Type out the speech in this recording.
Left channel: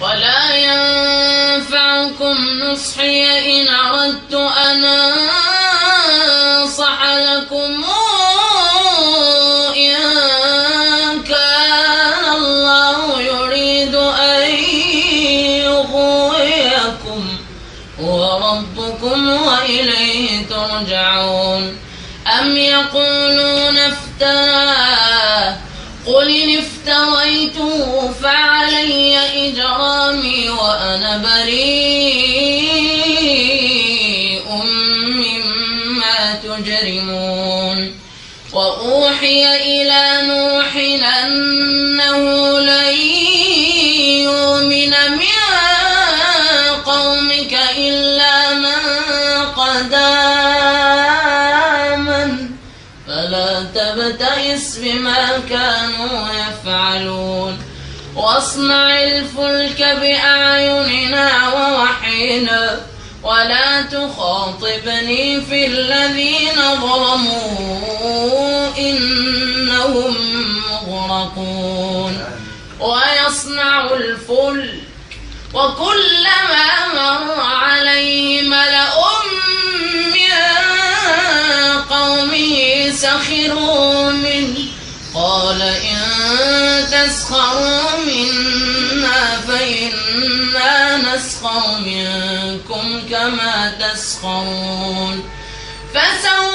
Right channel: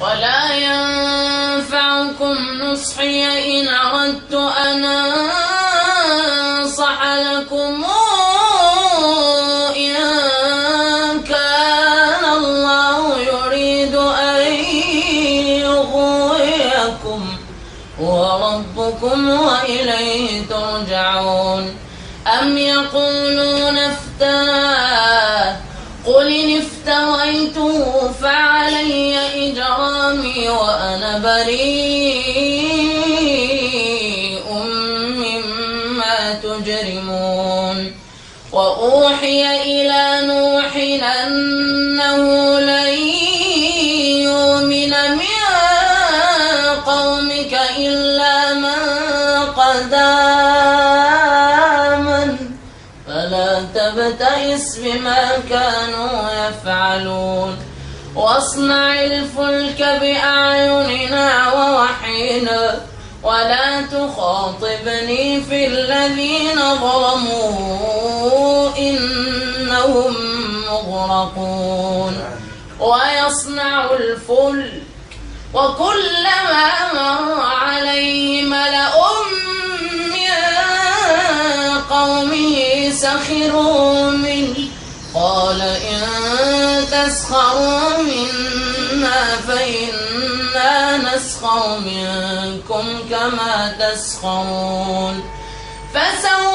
ولا ينفعكم نصحي إن أردت أن أنصح لكم إن كان الله يريد أن يغويكم وربكم وإليه ترجعون. أم يقولون افتراه قل إن افتريته فعلي إجرامي وأنا بريء مما تجرمون. وأوحي إلى نوح أنه لن يؤمن من قومك إلا من قد آمن فلا تبتئس بما كانوا يفعلون. واصنع الفلك بأعيننا ووحينا ولا تخاطبني في الذين ظلموا إنهم مغرقون. ويصنع الفلك وكلما مر عليه ملأ من قومه سخروا منه قال إن تسخروا منا فإنا نسخر منكم كما تسخرون. فسوف